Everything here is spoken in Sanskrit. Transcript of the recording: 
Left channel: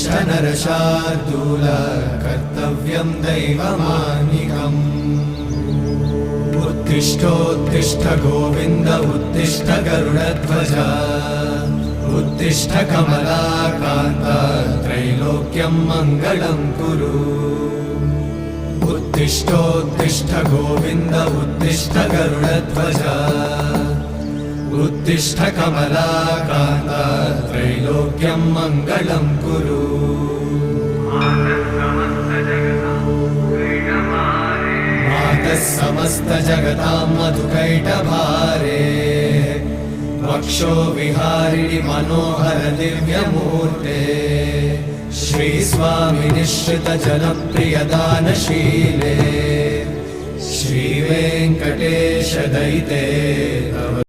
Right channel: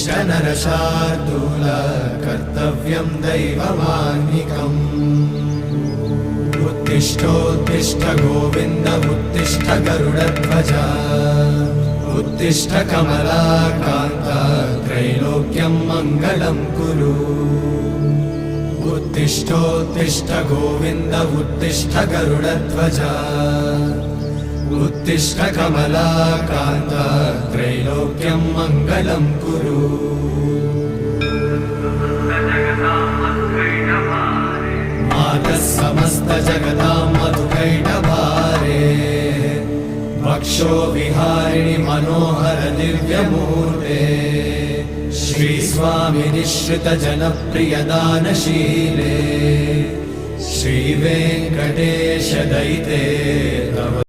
उत्तिष्ठ नरशार्दूल कर्तव्यं दैवमाह्निकम् उत्तिष्ठोत्तिष्ठ गोविन्द उत्तिष्ठ गरुडध्वज उत्तिष्ठ कमलाकान्त त्रैलोक्यं मङ्गलं कुरु उत्तिष्ठोत्तिष्ठ गोविन्द उत्तिष्ठ गरुडध्वज उत्तिष्ठ कमलाकान्त त्रैलोक्यं मङ्गलं कुरु मातः समस्त जगतां मधुकैटभारे वक्षो विहारिणि मनोहर दिव्यमूर्ते श्रीस्वामि निश्रित जनप्रिय दानशीले श्रीवेङ्कटेश दयिते